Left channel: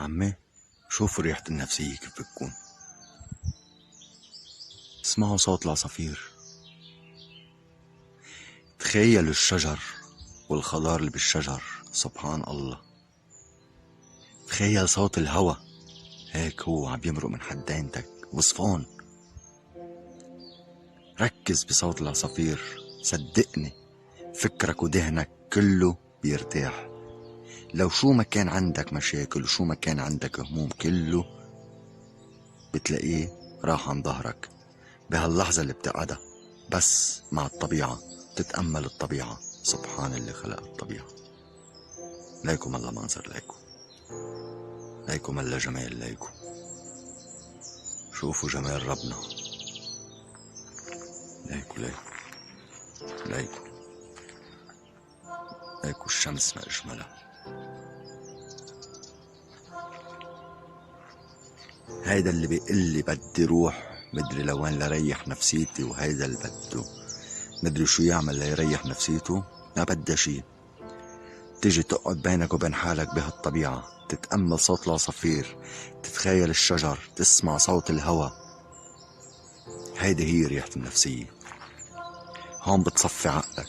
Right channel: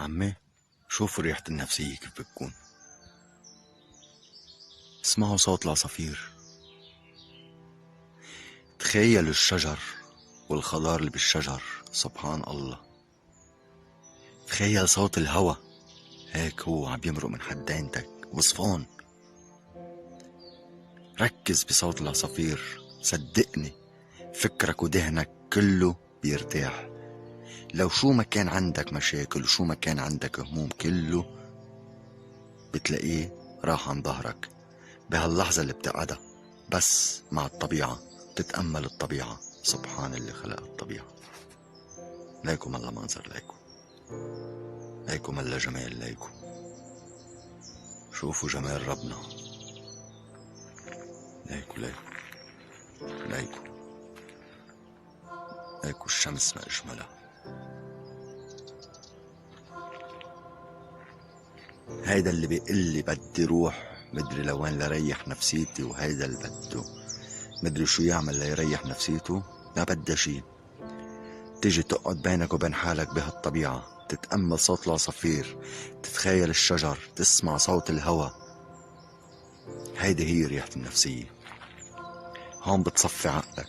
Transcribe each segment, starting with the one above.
عمي، شوفوا ريحة النفسية كيف بتكون. اسمعوا صوت العصافير، تخيلوا الشجر والخضار اللي بالشجر. سبحان الله. تخيل صوت الهوا هيك هو عم يمرق من حدينتك وصفون. ركز بصوت العصافير، صدقني فكرك وذهنك كله بيرتاح. لو شو ما كان عندك مشاكل وشو ما كان عندك هموم كله بتلاقيه راح عن ظهرك بهاللحظة اللي بتقعدها بس مع الطبيعة، تتأمل الطبيعة. سبحان اللي خلق الطبيعة. ليكم الله منظر، ليكم الله جمال، ليكم شوفوا جمال ربنا. ليكوا الشمس ما أجملها. هيدا اللي بيقلي بدي روح مدري لوين لريح نفسيتي، وهيدا اللي بده مدري شو يعمل ليريح نفسيته. ما بدها شي، تيجي تقعد بينك وبين حالك بهالطبيعة، تتأمل صوت العصافير، تتخيل الشجر، تسمع صوت الهوا. هيدا هي ريحة النفسية. هون بتصفي عقلك.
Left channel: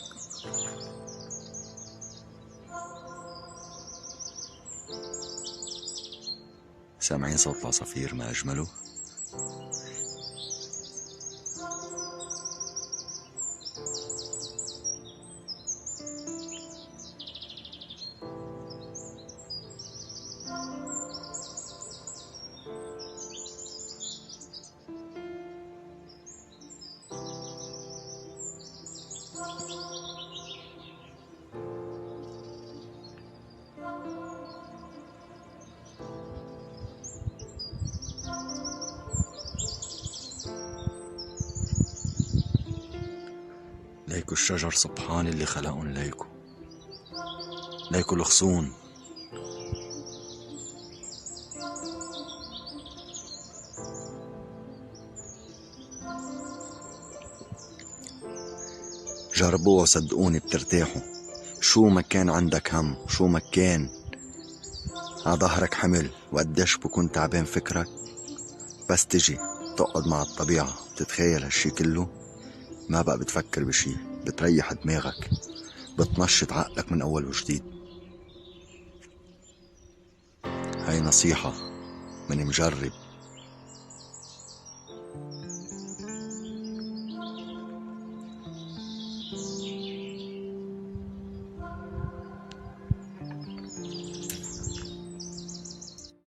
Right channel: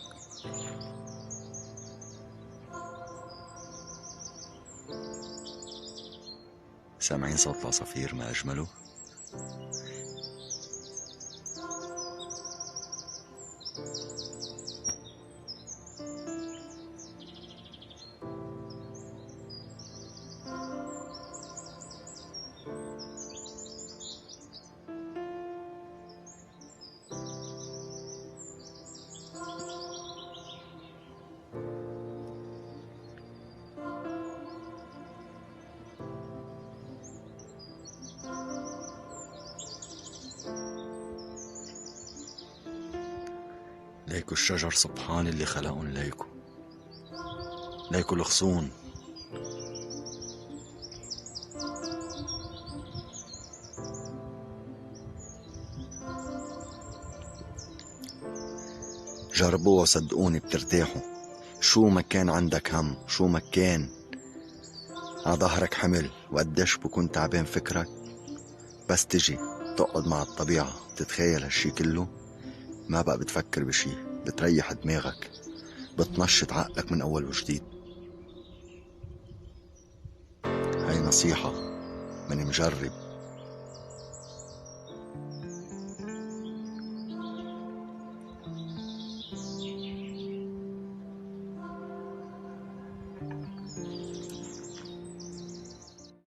سامعين صوت العصافير ما أجمله؟ ليكوا الشجر، سبحان اللي خلقهم. ليكوا الغصون. جربوها صدقوني بترتاحوا. شو ما كان عندك هم، شو ما كان عظهرك حمل وقديش بكون تعبان فكرك، بس تجي تقعد مع الطبيعة تتخيل هالشي كله، ما بقى بتفكر بشي، بتريح دماغك، بتنشط عقلك من أول وجديد. هاي نصيحة من مجرب